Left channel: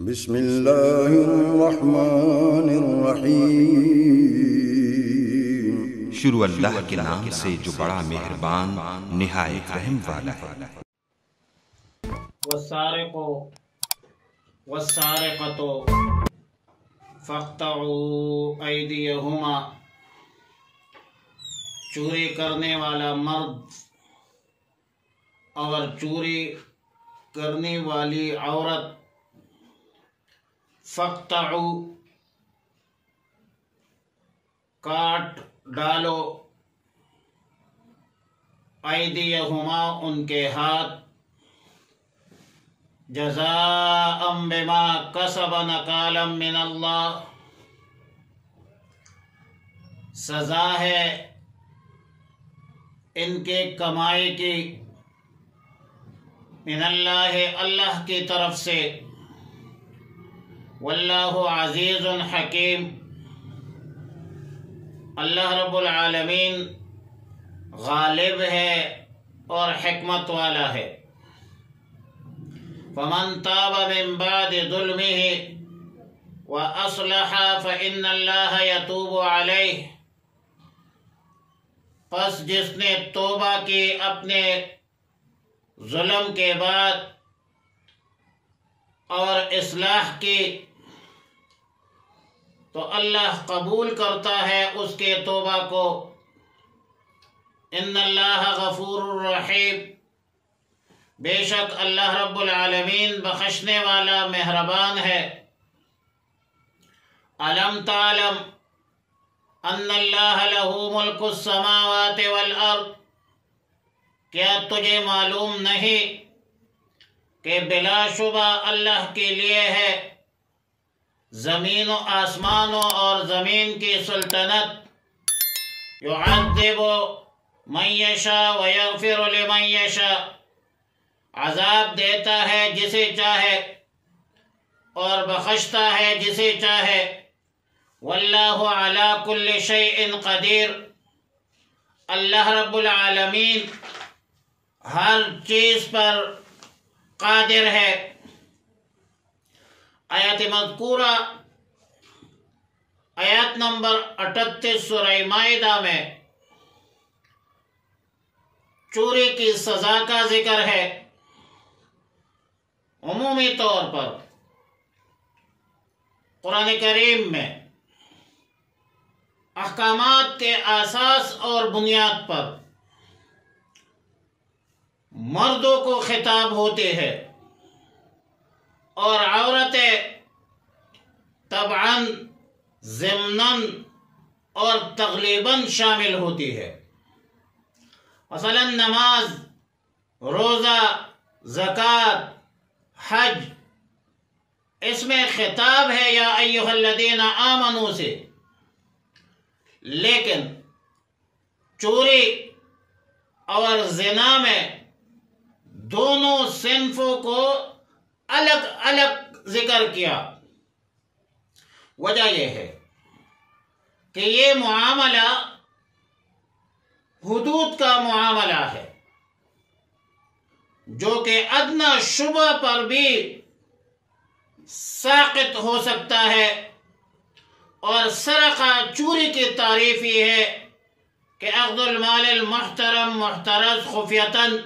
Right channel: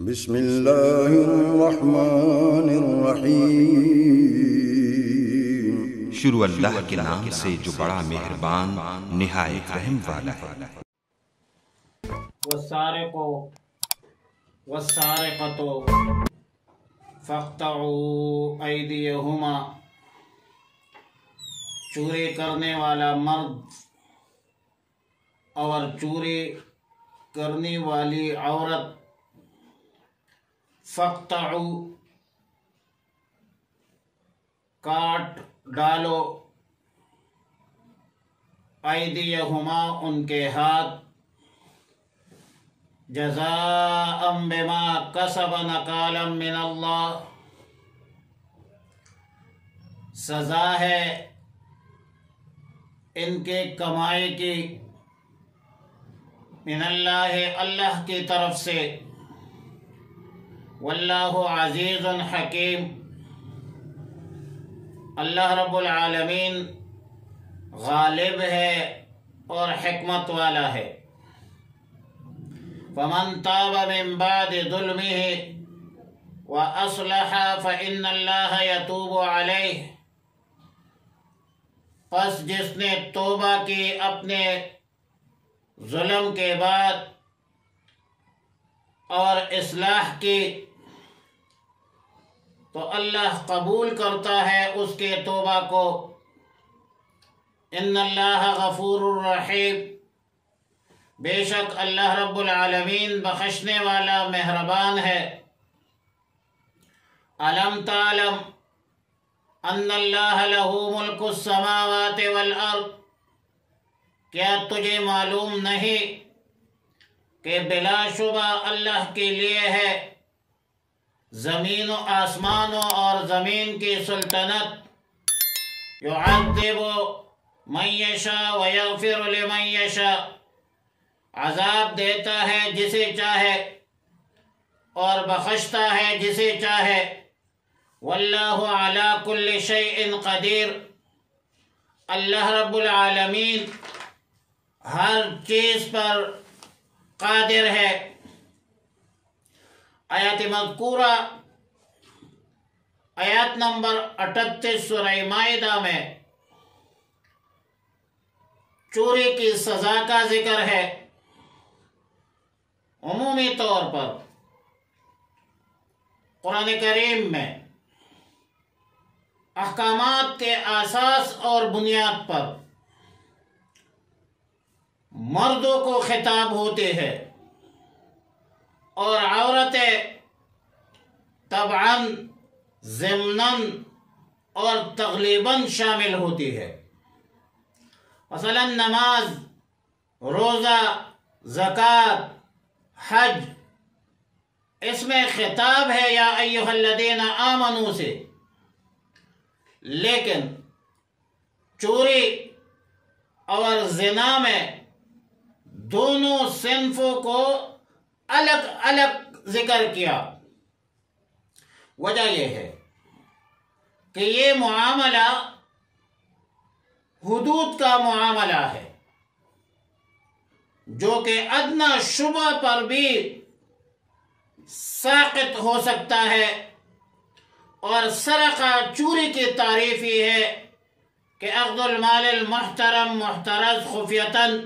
بسم اللہ الرحمن الرحیم۔ شروع اللہ کے نام سے جو بڑا مہربان نہایت رحم والا ہے۔ والسارق والسارقۃ فاقطعوا ایدیہما، چوری کرنے والا مرد اور چوری کرنے والی عورت، فاقطعوا کاٹ ڈالو، ایدیہما ان کے ہاتھ، جزاء بما کسب نکالا من اللہ، سزا ہے ان کے کمائی کی، من اللہ اللہ کی طرف سے، واللہ عزیز حکیم، اللہ رب العالمین غالب ہے اور حکمت والا ہے۔ فمن تاب من بعد ظلمه وأصلح فإن اللہ یتوب علیہ، پس جس نے توبہ کی اپنے ظلم کے بعد اور اصلاح کی تو اللہ قبول کرتا ہے اس کے توبہ کو۔ ان اللہ غفور الرحیم، بے شک اللہ رب العالمین بخشنے والا مہربان ہے۔ الم تعلم ان اللہ لہ ملک السماوات والارض، کیا تجھے معلوم نہیں کہ بلا شبہ اللہ کے لیے ہے زمین و آسمانوں اور زمین کی سلطنت، یعذب من یشاء ویغفر لمن یشاء، عذاب دیتا ہے جسے چاہے اور بخشتا ہے جسے چاہے، واللہ علی کل شیء قدیر، اللہ رب العالمین ہر چیز پر قادر ہے۔ آیت مذکورہ آیات نمبر 38 سورہ مائدہ میں چوری کی سزا کا ذکر ہے۔ عمومی طور پر قرآن کریم میں احکامات کے اساس اور بنیاد پر مردوں کو خطاب ہوتے ہیں اور عورتیں طبعاً ضمناً اور تغلیباً شامل ہوتی ہے۔ مثلا نماز، روزہ، زکوٰۃ، حج، اس میں خطاب ہے یا ایھا الذین آمنوا سے، لیکن چوری اور زنا میں دونوں صنفوں کو الگ الگ ذکر کیا۔ وجہ یہ ہے کہ یہ معاملہ حدود کا معاملہ ہے جو کہ ادنی شبہ پر بھی ساقط ہو سکتا ہے، اور سرقہ چوری کی تعریف یہ ہے کہ اخذ المال المحترم محترز خفیتاً،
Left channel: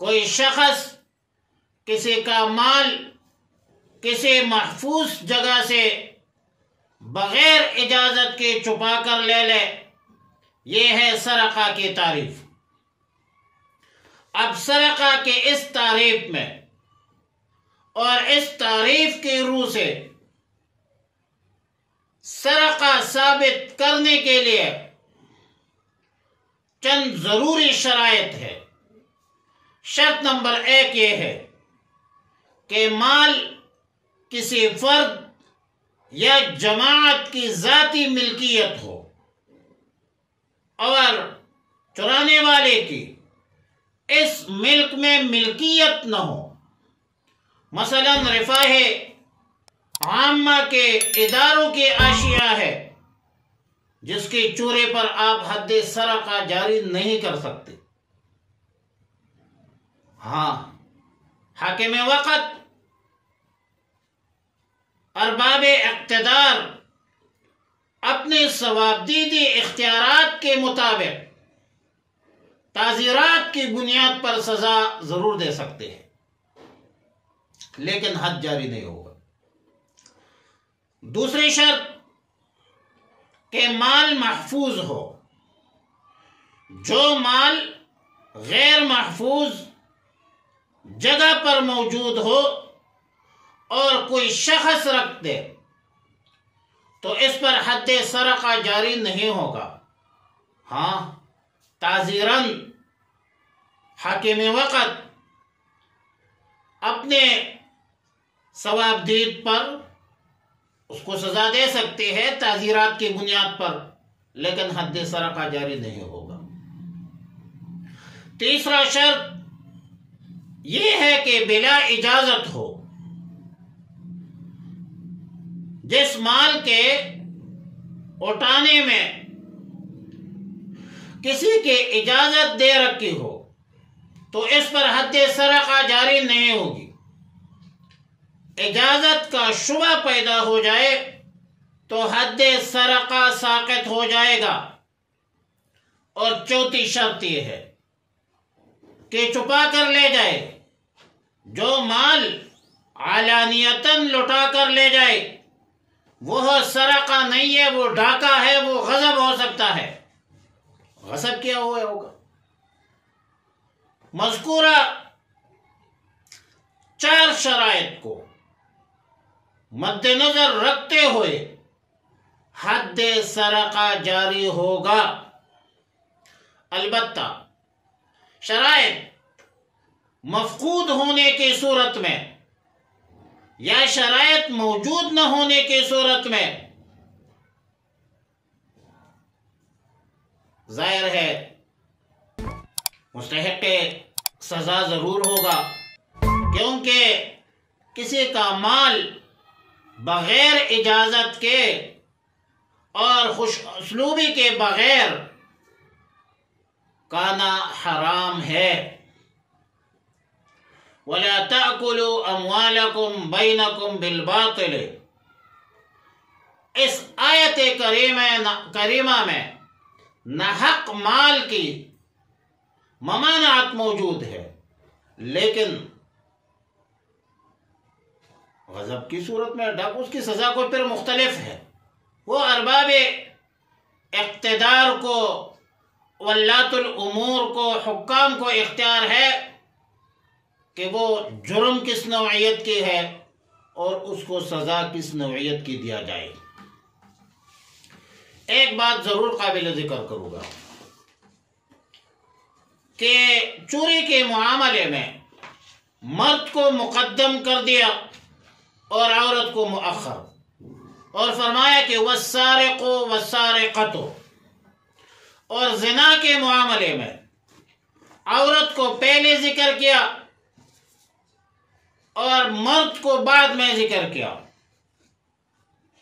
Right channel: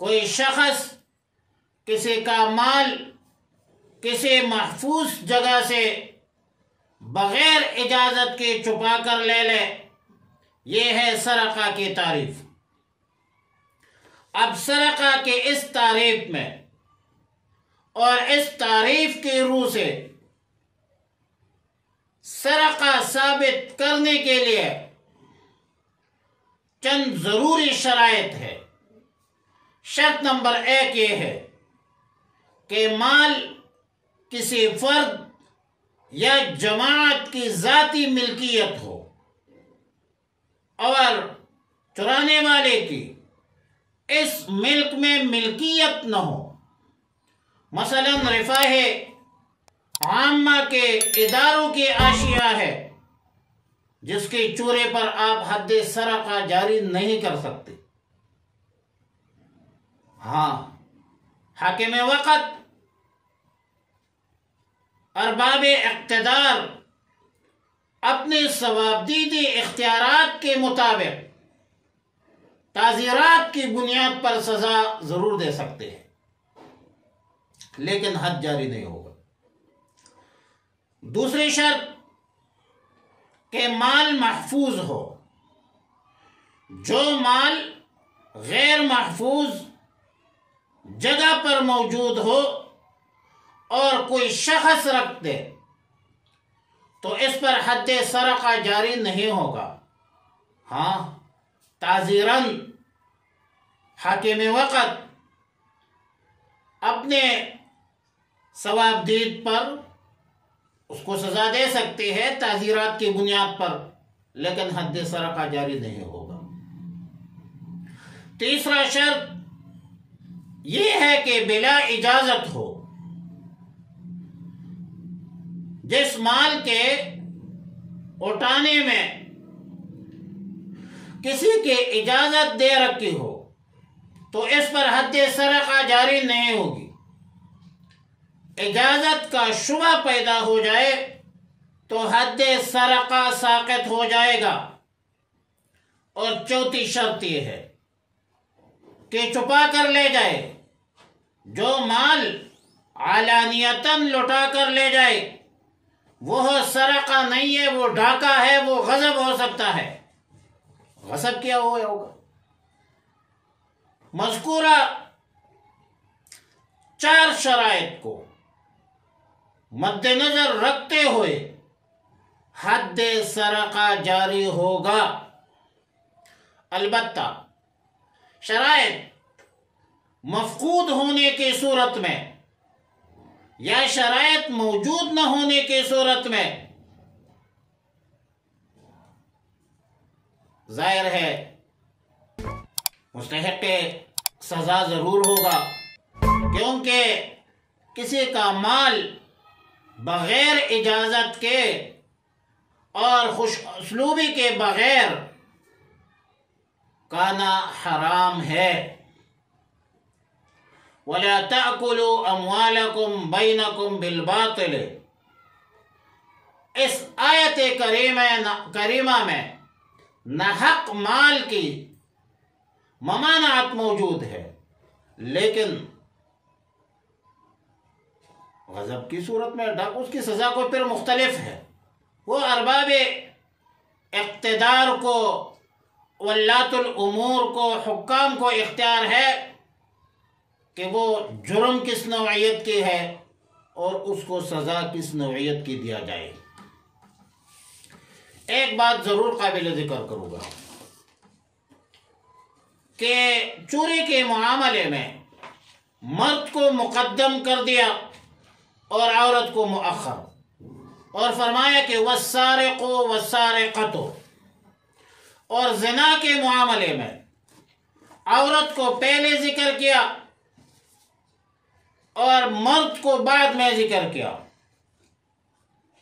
کوئی شخص کسی کا مال کسی محفوظ جگہ سے بغیر اجازت کے چھپا کر لے لے، یہ ہے سرقہ کی تعریف۔ اب سرقہ کے اس تعریف میں اور اس تعریف کی روح سے سرقہ ثابت کرنے کے لیے چند ضروری شرائط ہے۔ شرط نمبر 1 یہ ہے کہ مال کسی فرد یا جماعت کی ذاتی ملکیت ہو اور چرانے والے کی اس ملک میں ملکیت نہ ہو۔ مثلا رفاہ عامہ کے اداروں کی اشیاء ہے جس کی چوری پر آپ حد سرقہ جاری نہیں کر سکتے۔ ہاں، حاکم وقت ارباب اقتدار اپنے ثوابدیدی اختیارات کے مطابق تعزیرات کی بنیاد پر سزا ضرور دے سکتے ہیں، لیکن حد جاری نہیں ہوگا۔ دوسری شرط کہ مال محفوظ ہو۔ جو مال غیر محفوظ جگہ پر موجود ہو اور کوئی شخص رکھ دے تو اس پر حد سرقہ جاری نہیں ہوگا۔ ہاں، تعزیراً حاکم وقت اپنے ثوابدید پر اس کو سزا دے سکتی ہے تعزیرات کی بنیاد پر، لیکن حد سرقہ جاری نہیں ہوگا۔ تیسرا شرط یہ ہے کہ بلا اجازت ہو۔ جس مال کے اٹھانے میں کسی کے اجازت دے رکھی ہو تو اس پر حد سرقہ جاری نہیں ہوگی۔ اجازت کا شبہ پیدا ہو جائے تو حد سرقہ ساقط ہو جائے گا۔ اور چوتھی شرط یہ ہے کہ چھپا کر لے جائے۔ جو مال علانیتاً لٹا کر لے جائے وہ سرقہ نہیں ہے، وہ ڈاکہ ہے، وہ غصب ہو سکتا ہے، غصب کیا ہوا ہوگا۔ مذکورہ 4 شرائط کو مد نظر رکھتے ہوئے حد سرقہ جاری ہوگا۔ البتہ شرائط مفقود ہونے کی صورت میں یا شرائط موجود نہ ہونے کی صورت میں ظاہر ہے مستحق سزا ضرور ہوگا، کیونکہ کسی کا مال بغیر اجازت کے اور خوش اسلوبی کے بغیر کانا حرام ہے۔ وَلَا تَأْكُلُوا أَمْوَالَكُمْ بَيْنَكُمْ بِالْبَاطِلِ۔ اس آیت کریمہ میں ناحق مال کی ممانعت موجود ہے، لیکن غضب کی صورت میں اس کی سزا کو پھر مختلف ہے۔ وہ ارباب اقتدار کو، ولاۃ الامور کو، حکام کو اختیار ہے کہ وہ جرم کس نوعیت کی ہے اور اس کو سزا کس نوعیت کی دیا جائے۔ ایک بات ضرور قابل ذکر کروں گا کہ چوری کے معاملے میں مرد کو مقدم کر دیا اور عورت کو مؤخر، اور فرمایا کہ والسارق والسارقۃ، اور زنا کے معاملے میں عورت کو پہلے ذکر کیا اور مرد کو بعد میں ذکر کیا۔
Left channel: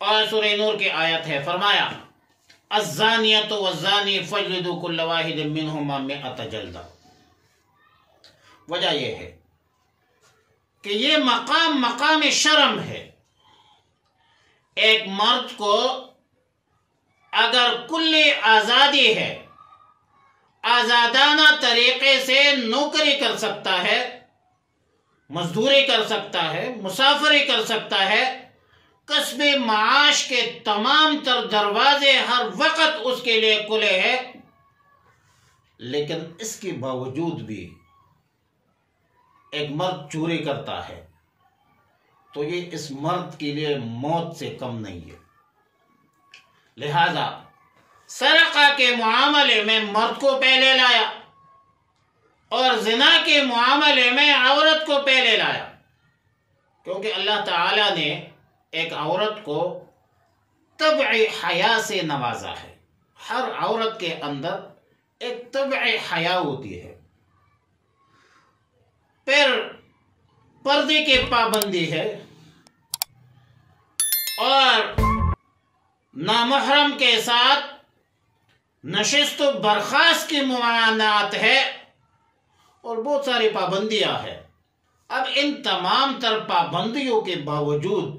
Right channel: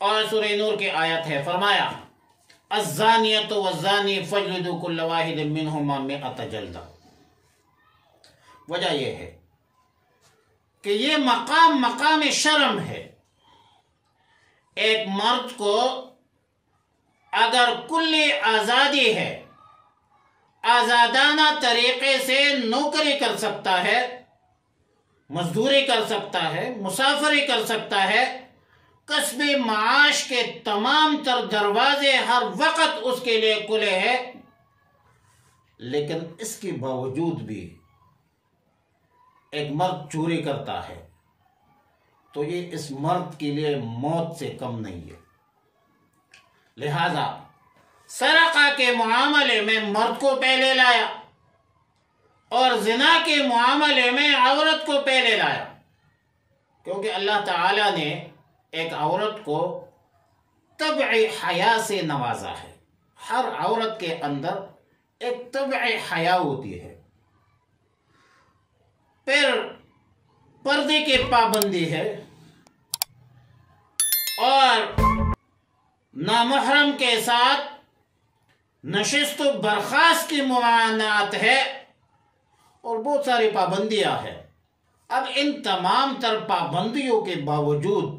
اور سورہ نور کی آیت ہے، فرمایا الزانیۃ والزانی فاجلدوا کل واحد منہما 100 جلدہ۔ وجہ یہ ہے کہ یہ مقام شرم ہے۔ ایک مرد کو اگر کلی آزادی ہے، آزادانہ طریقے سے نوکری کر سکتا ہے، مزدوری کر سکتا ہے، مسافری کر سکتا ہے، کسب معاش کے تمام تر دروازے ہر وقت اس کے لیے کھلے ہیں، لیکن اس کے باوجود بھی ایک مرد چوری کرتا ہے تو یہ اس مرد کے لیے موت سے کم نہیں ہے۔ لہذا سرقہ کے معاملے میں مرد کو پہلے لایا اور زنا کے معاملے میں عورت کو پہلے لایا، کیونکہ اللہ تعالیٰ نے ایک عورت کو طبع حیا سے نوازا ہے۔ ہر عورت کے اندر ایک طبع حیا ہوتی ہے۔ پھر پردے کی پابندی ہے اور نامحرم کے ساتھ نشست و برخاست کی ممانعت ہے اور بہت ساری پابندیاں ہیں۔ اب ان تمام تر پابندیوں کے باوجود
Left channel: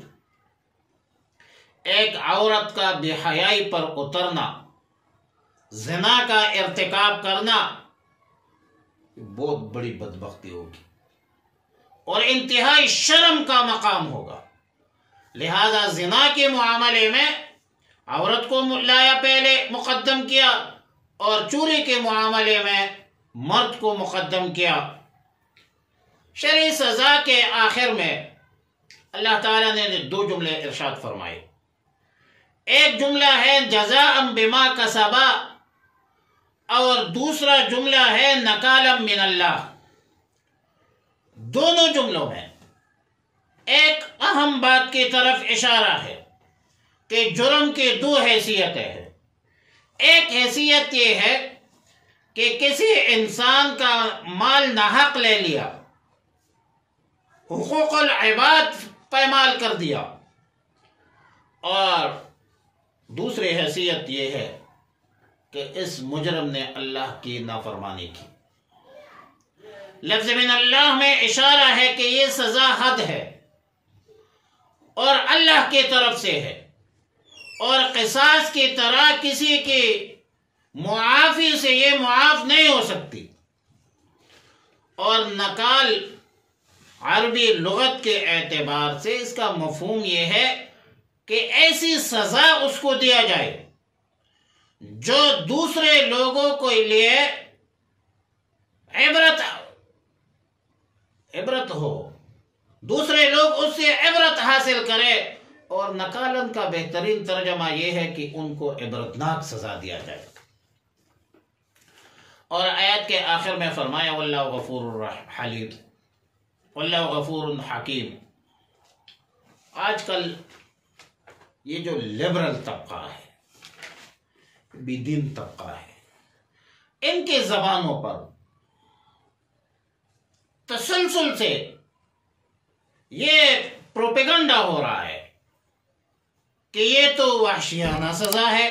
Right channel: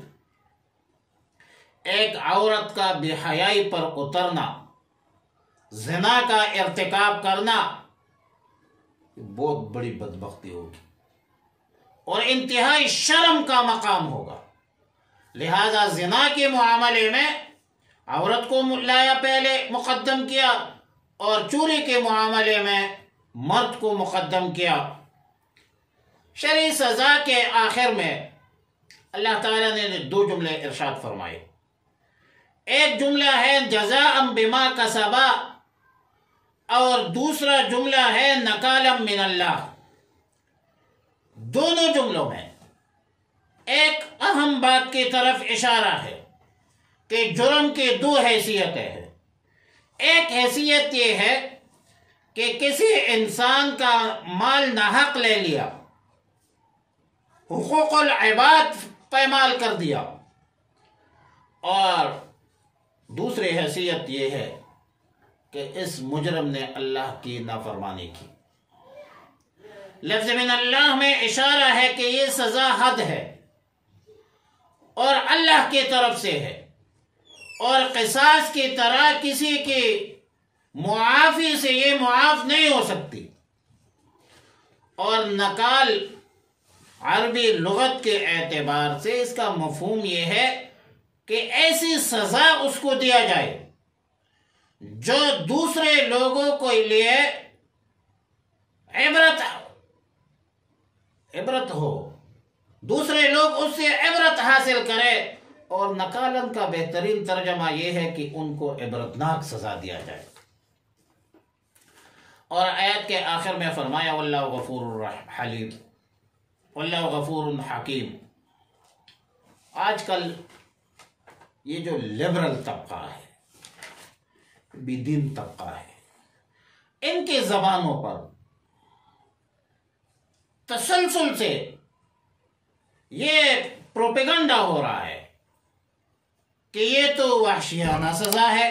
ایک عورت کا بے حیائی پر اترنا، زنا کا ارتکاب کرنا بہت بڑی بدبختی ہوگی اور انتہائی شرم کا مقام ہوگا۔ لہذا زنا کے معاملے میں عورت کو لایا پہلے مقدم کیا اور چوری کے معاملے میں مرد کو مقدم کیا۔ شرعی سزا کے آخر میں اللہ تعالیٰ نے 2 جملے ارشاد فرمائے۔ ایک جملہ ہے جزاء بما کسبا اور دوسرا جملہ ہے نکالا من اللہ۔ دونوں جملوں میں ایک اہم بات کی طرف اشارہ ہے کہ جرم کی 2 حیثیتیں ہیں۔ ایک حیثیت یہ ہے کہ کسی انسان کا مال ناحق لے لیا، حقوق العباد پامال کر دیا، اور دوسری حیثیت یہ ہے کہ اس مجرم نے اللہ کی نافرمانی کی۔ لفظ من اللہ میں اشارہ ہے کہ یہ سزا حد ہے اور اللہ کی طرف سے ہے، اور قصاص کی طرح کسی کی معافی سے یہ معاف نہیں ہو سکتی۔ اور نکال عربی لغت کے اعتبار سے اس کا مفہوم یہ ہے کہ ایسی سزا اس کو دیا جائے جو دوسرے لوگوں کے لیے عبرت ہو، دوسرے لوگ اس سے عبرت حاصل کرے، اور نکالن کا بہترین ترجمہ یہ ہے کہ ان کو عبرتناک سزا دیا جائے۔ اور آیت کے آخر میں فرمایا واللہ غفور حلیم، واللہ غفور حکیم۔ آج کل یہ جو لبرل طبقہ ہے، بے دین طبقہ ہے، ان کے زبانوں پر تسلسل سے یہ پروپیگنڈا ہو رہا ہے کہ یہ تو وحشیانہ سزا ہے۔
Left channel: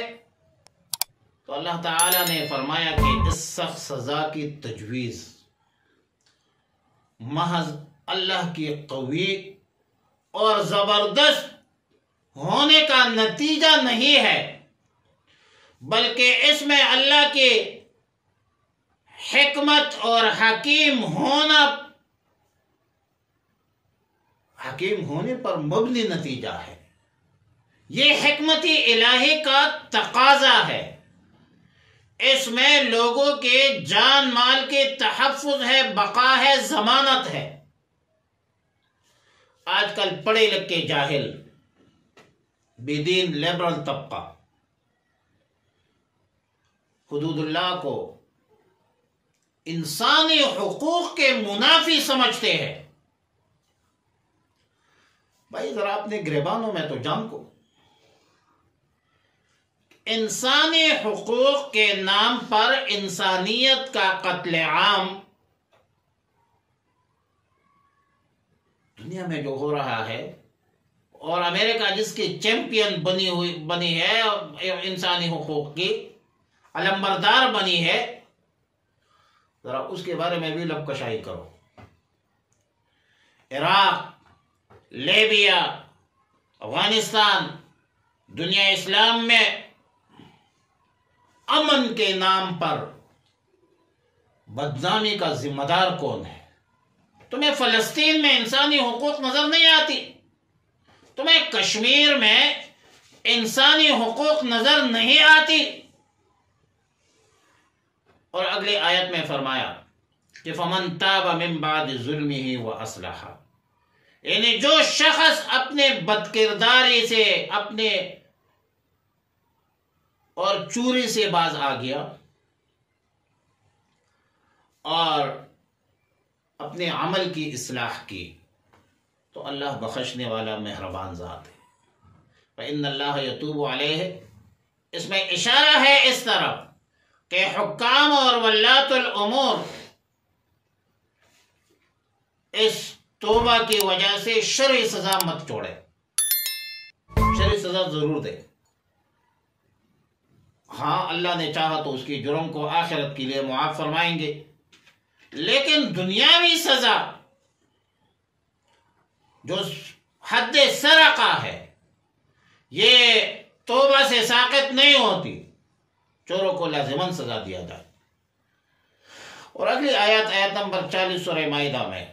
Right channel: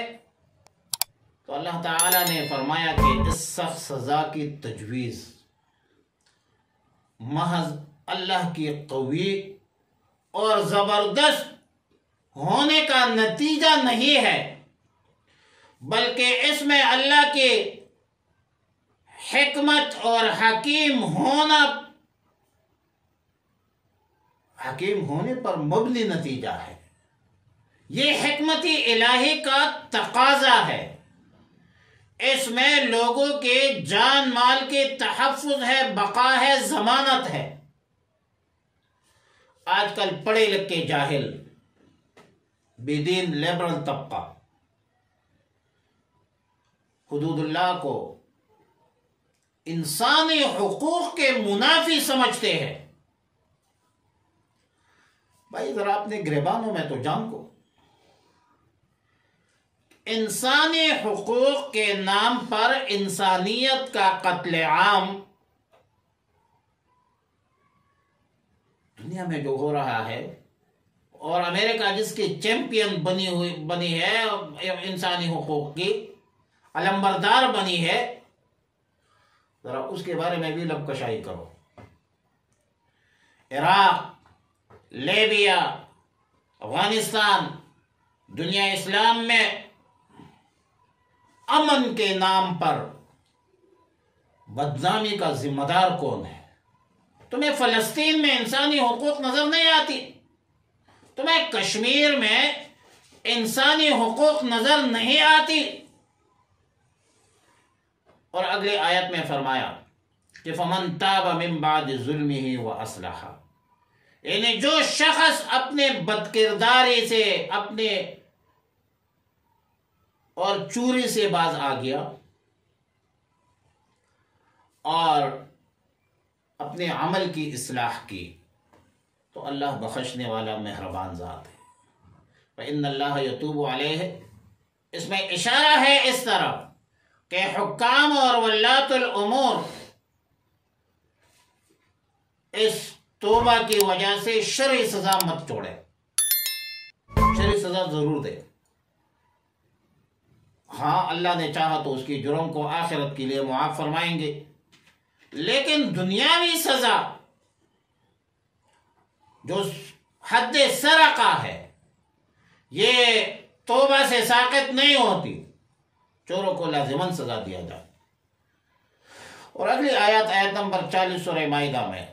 تو اللہ تعالیٰ نے فرمایا کہ اس سخت سزا کی تجویز محض اللہ کی قوی اور زبردست ہونے کا نتیجہ نہیں ہے، بلکہ اس میں اللہ کی حکمت اور حکیم ہونے پر مبنی نتیجہ ہے۔ یہ حکمت الہی کا تقاضا ہے، اس میں لوگوں کے جان مال کے تحفظ ہے، بقا ہے، ضمانت ہے۔ آج کل پڑھے لکھے جاہل بے دین لبرل طبقہ حدود اللہ کو انسانی حقوق کے منافی سمجھتے ہیں۔ بھائی ذرا اپنے گریبانوں میں تو جان کو، انسانی حقوق کے نام پر انسانیت کا قتل عام دنیا میں جو ہو رہا ہے، اور امریکہ جس کی چیمپئن بنی ہے انسانی حقوق کی، علمبردار بنی ہے، ذرا اس کے بارے میں بھی لب کشائی کرو۔ عراق، لیبیا، افغانستان، دنیا اسلام میں امن کے نام پر بدنامی کا ذمہ دار کون ہے؟ تمہیں فلسطین میں انسانی حقوق نظر نہیں آتی؟ تمہیں کشمیر میں انسانی حقوق نظر نہیں آتی؟ اور اگلی آیت میں فرمایا کہ فَمَن تَابَ مِن بَعْدِ ظُلْمِهِ وَأَصْلَحَ، یعنی جو شخص اپنے بدکرداری سے اپنے اور چوری سے باز آ گیا اور اپنے عمل کی اصلاح کی، تو اللہ بخشنے والا مہربان ذات ہے۔ فَإِنَّ اللَّهَ يَتُوبُ عَلَيْهِ، اس میں اشارہ ہے اس طرف کہ حکام اور ولاۃ الامور اس توبہ کی وجہ سے شرعی سزا مت چھوڑے، شرعی سزا ضرور دے۔ ہاں اللہ نے چاہا تو اس کی جرم کو آخرت کے لیے معاف فرمائیں گے، لیکن دنیاوی سزا جو حد سرقہ ہے، یہ توبہ سے ساقط نہیں ہوتی، چوروں کو لازماً سزا دیا جائے۔ اور اگلی آیت نمبر 40 سورہ مائدہ میں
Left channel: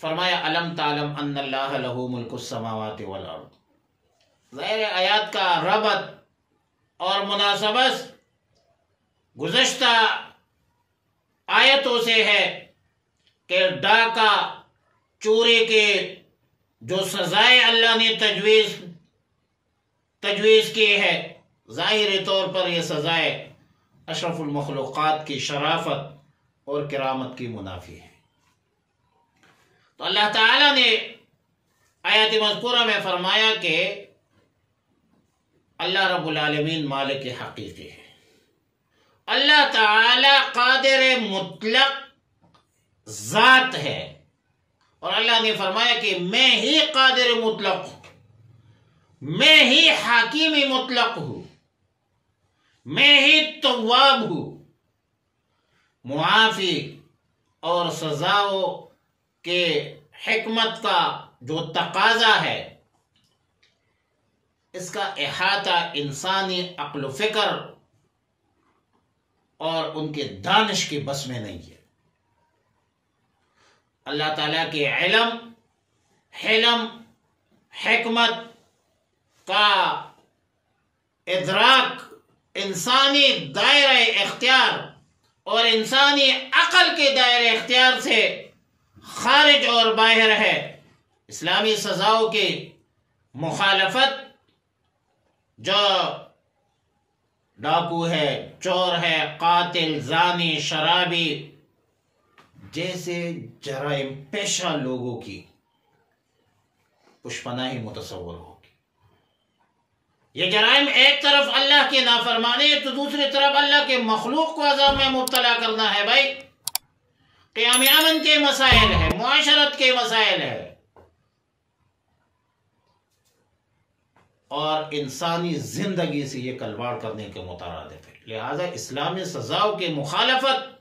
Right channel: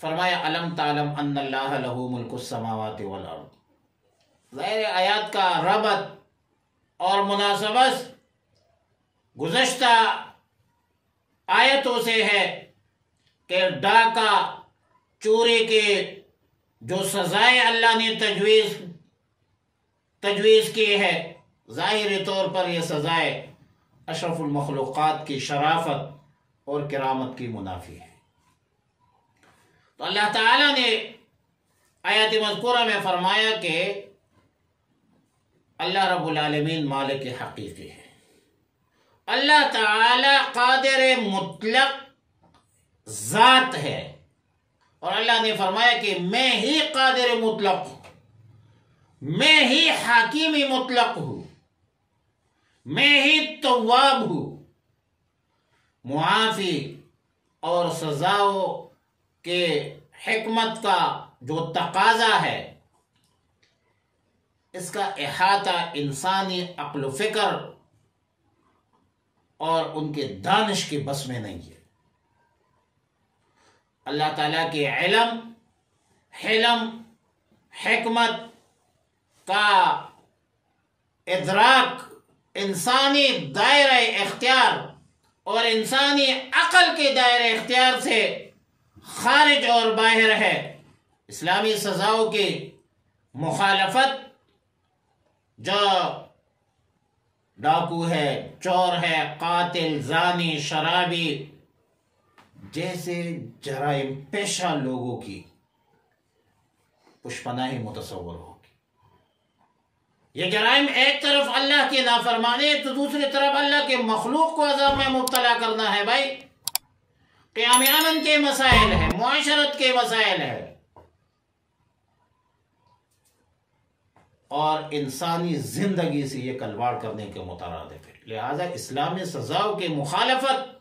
فرمایا الم تعلم ان اللہ لہ ملک السماوات والارض۔ ظاہر آیات کا ربط اور مناسبت گزشتہ آیتوں سے ہے کہ ڈاکہ چوری کے جو سزائیں اللہ نے تجویز کی ہے، ظاہری طور پر یہ سزائیں اشرف المخلوقات کی شرافت اور کرامت کی منافی ہے۔ تو اللہ تعالیٰ نے آیات مذکورہ میں فرمایا کہ اللہ رب العالمین مالک حقیقی ہے، اللہ تعالی قادر مطلق ذات ہے، اور اللہ نے فرمایا کہ میں ہی قادر مطلق ہوں، میں ہی حکیم مطلق ہوں، میں ہی تواب ہوں، معافی اور سزاؤں کے حکمت کا جو تقاضا ہے اس کا احاطہ انسانی عقل و فکر اور ان کے دانش کے بس میں نہیں ہے۔ اللہ تعالیٰ کے علم، حلم، حکمت کا ادراک انسانی دائرہ اختیار اور انسانی عقل کے دائرہ اختیار سے خارج اور باہر ہے۔ اسلامی سزاؤں کی مخالفت جو ڈاکو ہے، چور ہے، قاتل، زانی، شرابی جیسے جرائم پیشہ لوگوں کی پشپناہی متصور ہوگی۔ یہ جرائم ایک طرف اللہ کی نافرمانی تو دوسری طرف اللہ کے مخلوق کو عذاب میں مبتلا کرنا ہے۔ بھائی قیام امن کے مسائل ہے، معاشرت کے مسائل ہے، اور انسانی زندگی سے یہ کھلواڑ کرنے کے مترادف ہے۔ لہذا اسلامی سزاؤں کی مخالفت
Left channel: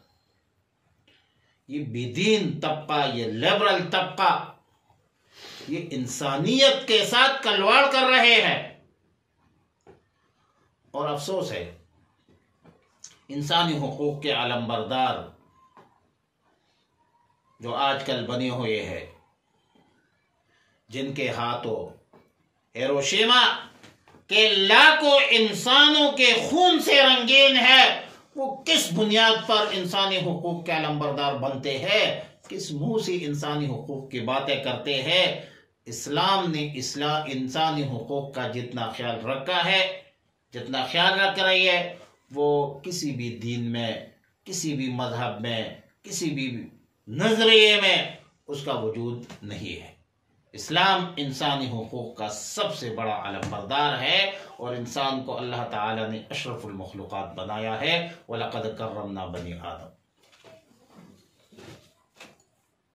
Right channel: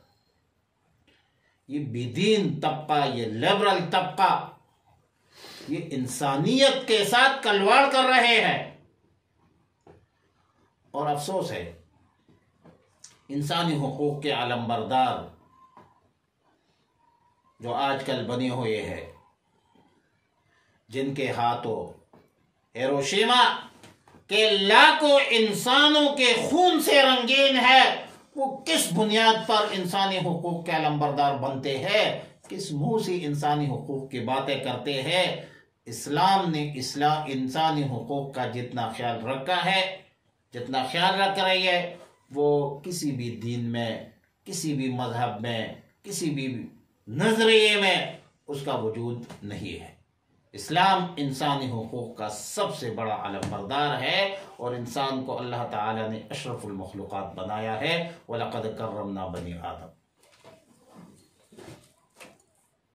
یہ بے دین طبقہ، یہ لبرل طبقہ، یہ انسانیت کے ساتھ کھلواڑ کر رہے ہیں۔ اور افسوس ہے انسانی حقوق کے علمبردار جو آج کل بنے ہوئے ہیں، جن کے ہاتھوں ہیروشیما کے لاکھوں انسانوں کے خون سے رنگین ہے، وہ کس بنیاد پر انسانی حقوق کے علمبردار بنتے ہیں، کس منہ سے انسانی حقوق کی باتیں کرتے ہیں۔ اسلام نے انسانی حقوق کا جتنا خیال رکھا ہے، جتنا خیال رکھ رہی ہے، وہ کسی بھی دین میں، کسی بھی مذہب میں، کسی بھی نظریے میں اس کا وجود نہیں ہے۔ اسلام انسانی حقوق کا سب سے بڑا علمبردار ہے، اور انسان کو اللہ تعالی نے اشرف المخلوقات بنایا ہے۔ وَلَقَدْ كَرَّمْنَا بَنِي آدَمَ۔